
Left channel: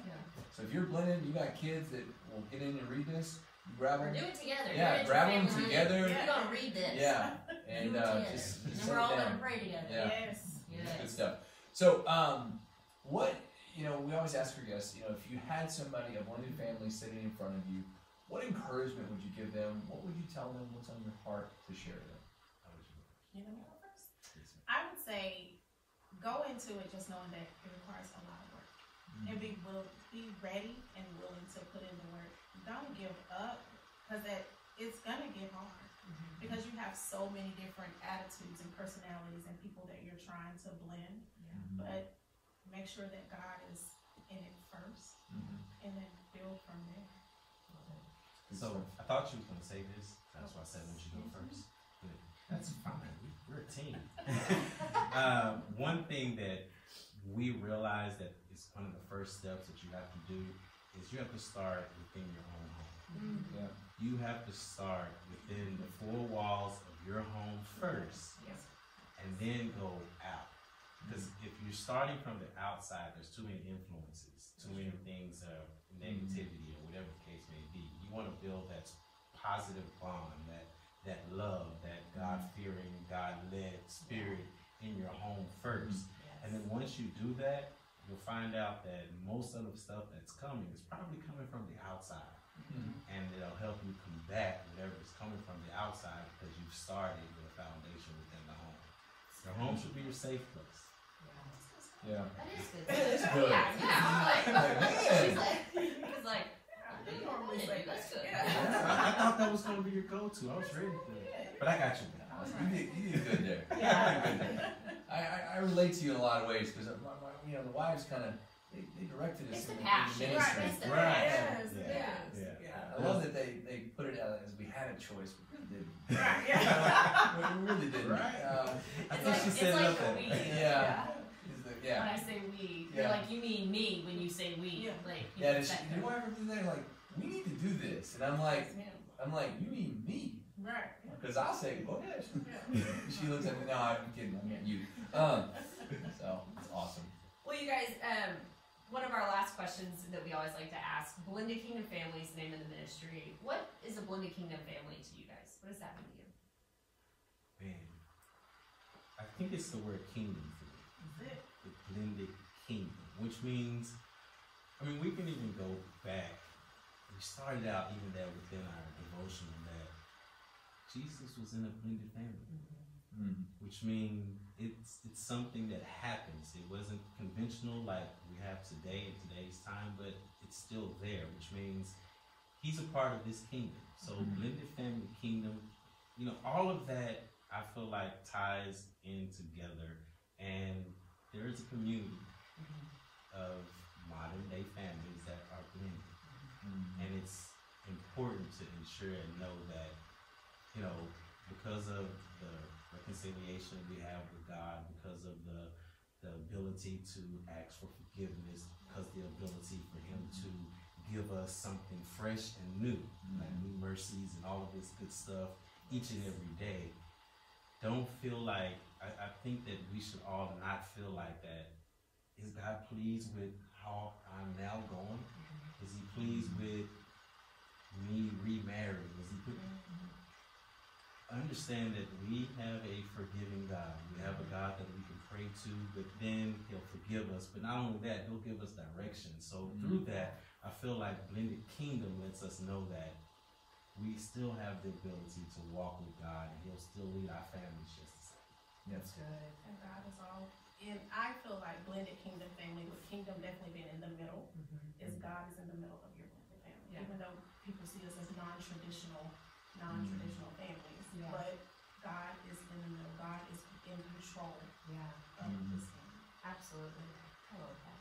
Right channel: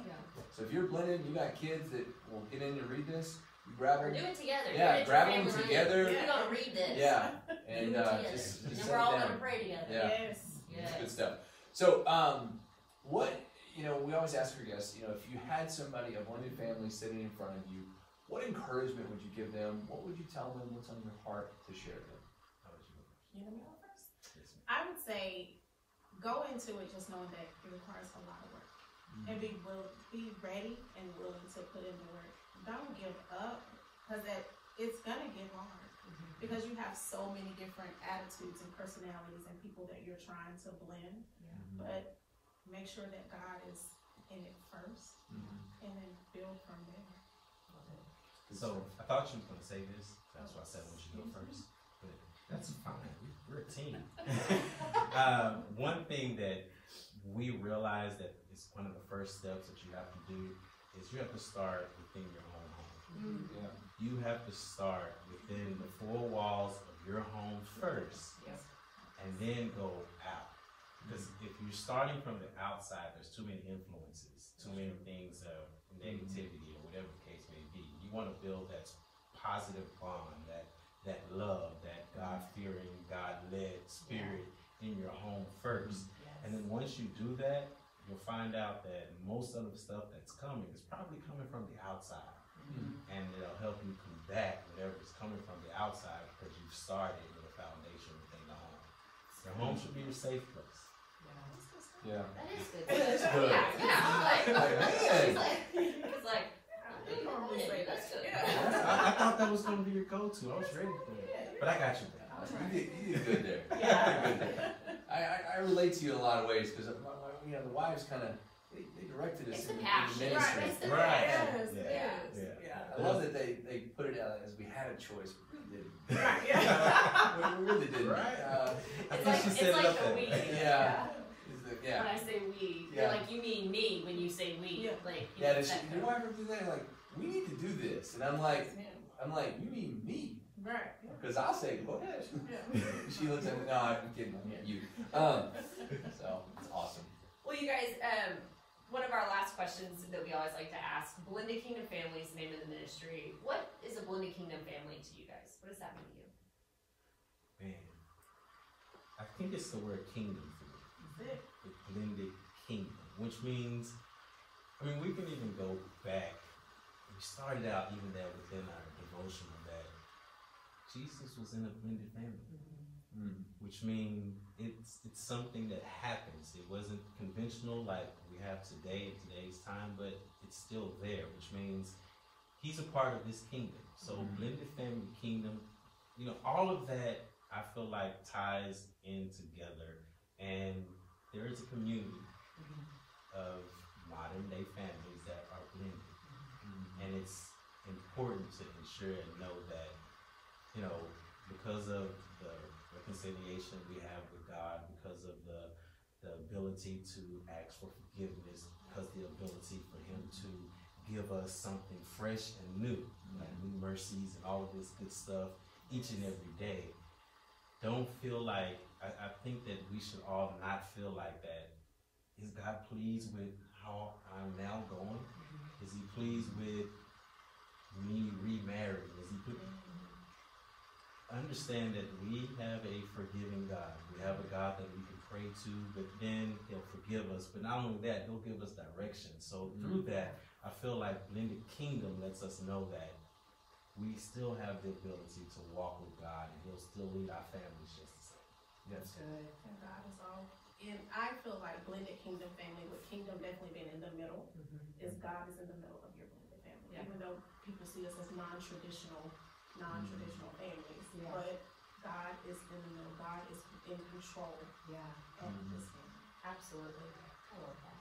So if you're blended, you got kids that will get in and read this, you grab Or them. do it together. Yeah, grab them together. We're gonna read this. Yeah. And just and then sit we're all down. gonna pray together. Yeah. Yes. Good stuff. So, what, we always ask our guests, if you had somebody, a blended family sitting in front of you, what encouragement would you give them? What would you tell them? What's on your heart to share with them? You know me first? I would say go into it just knowing that it requires a lot of work. And be ready and willing to put in the work. Don't give up, because it's gonna get hard. Because you have so many different attitudes and personalities and people that you're trying to blend. But make sure that God is in it first, and then build from there. So I thought you were going to say this. That's why I said when you go first. But that's fine. We're a team. One thing that we realize that is one of the first steps that you have to do is you have to start within your own home. Yeah. You have to start within the four walls of your home first, and then go out. Because if you're starting from the outside, there's too many influences, too many things of negativity or whatever the case may be. You want to build that positive bond, that love, that God-fearing, God-led spirit in your home first. And then once you do that, you'll find out that most of the stuff that's coming is probably coming from the outside. And it'll help you combat whatever is coming from the outside because you've started with a foundation within the home. Your home should be your safe place. Yeah. That is good. It's good. It's like, You normally say that's good. I thought that was going to be your go-to. I was ready for it. But I got you back. You did good there. I relate to you in a lot of ways because the wives kind of they directed us It's the in passion. ministry. It's the Right. passion. Yeah. I love that they put it out as we had a choice. We really didn't. We really didn't. Right. I It's think like, she it's said like it up the there. we. Yeah. When I say we, Yeah. you're like, you mean me when you say we. Like, you Yeah. know, She, that your wife would do that like, we need to do this, and I'm like, you mean me? Right. Because I'll say, go ahead. She looks at me. No, I'm kidding. I meant you. So it's awesome. Well, you guys, one of our last questions that we always like to ask, Blended Kingdom Family is the name of the ministry. What is a Blended Kingdom family to you guys? What does that mean to you? Man, I think it's the word kingdom for me. The blended kingdom, which means, we can even go back. We started out even there within our devotional that Jesus was in a blended family, which means it's something that happens. It wasn't conventional like we have today in today's time, but it's still there, which means he's a part of this kingdom. So blended family kingdom, all of that I feel like ties in together, and there is a community of modern day families that are blended. And it's important to ensure and know that, because of the reconciliation we have with God, because of the ability to ask for forgiveness, because the ability for him to give us something fresh and new, like new mercies and all of this good stuff each and every day. Don't feel like, I think that we should all not feel like that. Is God pleased with how I'm now going? Is he pleased with me remarrying? Is he understand that we have a forgiving God. We have a God that we can pray to, but then he'll forgive us. But not only that, he'll give us direction. So through that, I feel like Blended Kingdom lets us know that we still have the ability to walk with God, and he'll still lead our families just the same. Yes. Good. And God is all. And I feel like Blended Kingdom family, with kingdom definitely being in the middle, is God is in the middle of your blended family. Yeah. Even though people see us as non-traditional families, but God is in the middle. God is in control of this family. Absolutely. I love that.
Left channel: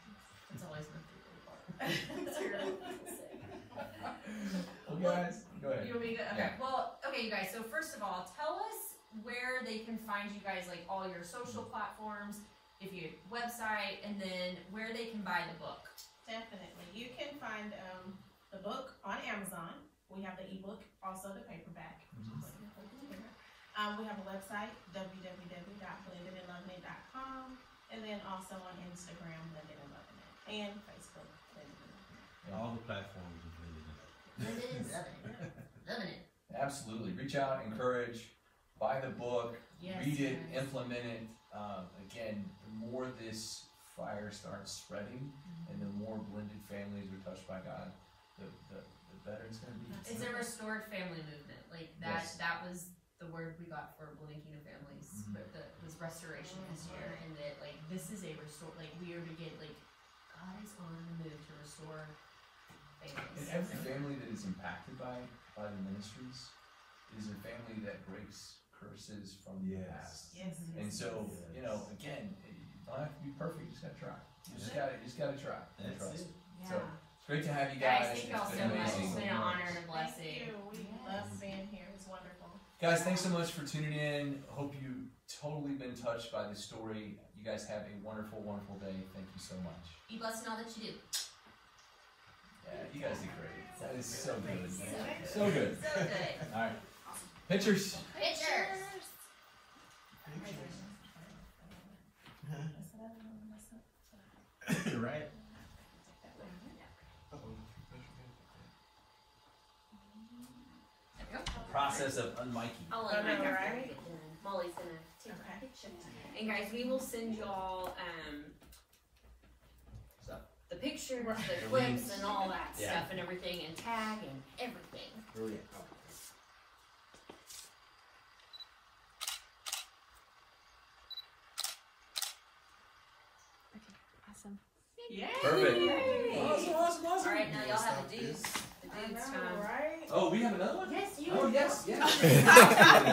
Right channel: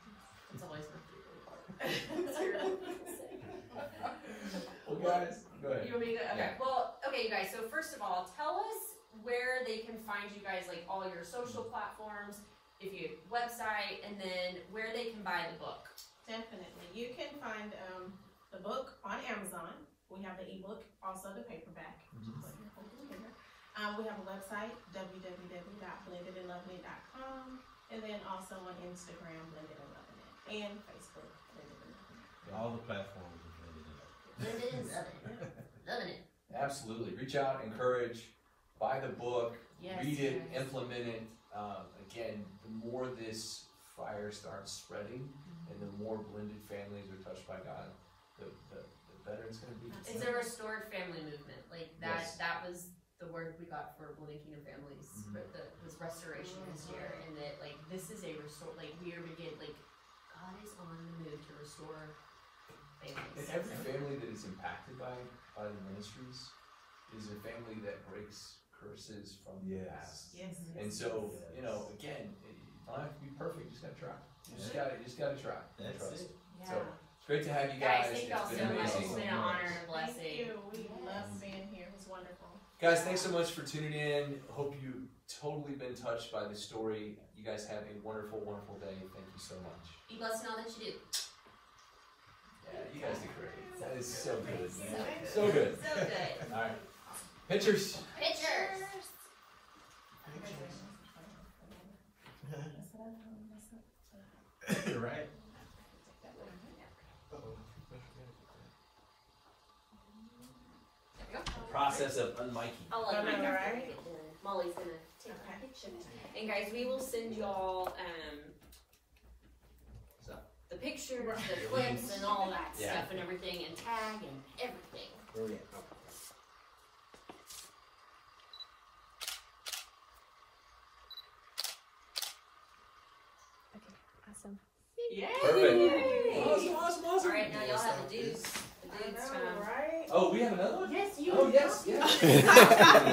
It's always my favorite part. Well, guys, go ahead. You want me to go? Okay. Yeah. Well, okay, you guys. So first of all, tell us where they can find you guys, like all your social platforms, if you website, and then where they can buy the book. Definitely. You can find the book We have the ebook, also the paperback. Mhm. We have a website, www.blendedandlovinit.com, and then also on Instagram, Blended and Loving It, and Facebook, Blended and Loving It. All the platforms are blended in. Blended and loving it. Loving it. Absolutely. Reach out, encourage, buy the book, Yes, read it, yes. implement it. Again, the more this fire starts spreading and the more blended families are touched by God, the better it's going to be. It's a restored family movement. Like that. Yes. That was the word we got for Blended Kingdom Families. Mhm. That was restoration this year, and that like this is a restore. Like we are begin. Like God is on the move to restore families. And every family that is impacted by the ministries is a family that breaks curses from the past. Yes. And so, you know, again, you don't have to be perfect. You just gotta try. You just gotta try. And That's trust. it. So it's great to have you guys. Guys, thank y'all It's so been much. It's amazing. been an honor and a blessing. Thank you. We love being here. It's wonderful. Guys, thanks so much for tuning in. Hope you totally been touched by the story. You guys have a wonderful, wonderful day. Thank you so much. Be blessed in all that you do. Yeah, you guys did great. That is so good. So So good. So good. All right. Pictures. Pictures. You're right. There we go. Process of unmiking. I'll let Mike after I get done. Molly's gonna take Okay. a picture. And guys, we will send y'all the pictures, the clips, and all that Yeah. stuff, and everything, and tag and everything. Brilliant. Awesome. Yay! Perfect. Awesome. All right, now y'all have the dudes. The I dudes know, time. right? Oh, we have another one? Yes, you. Oh, yes.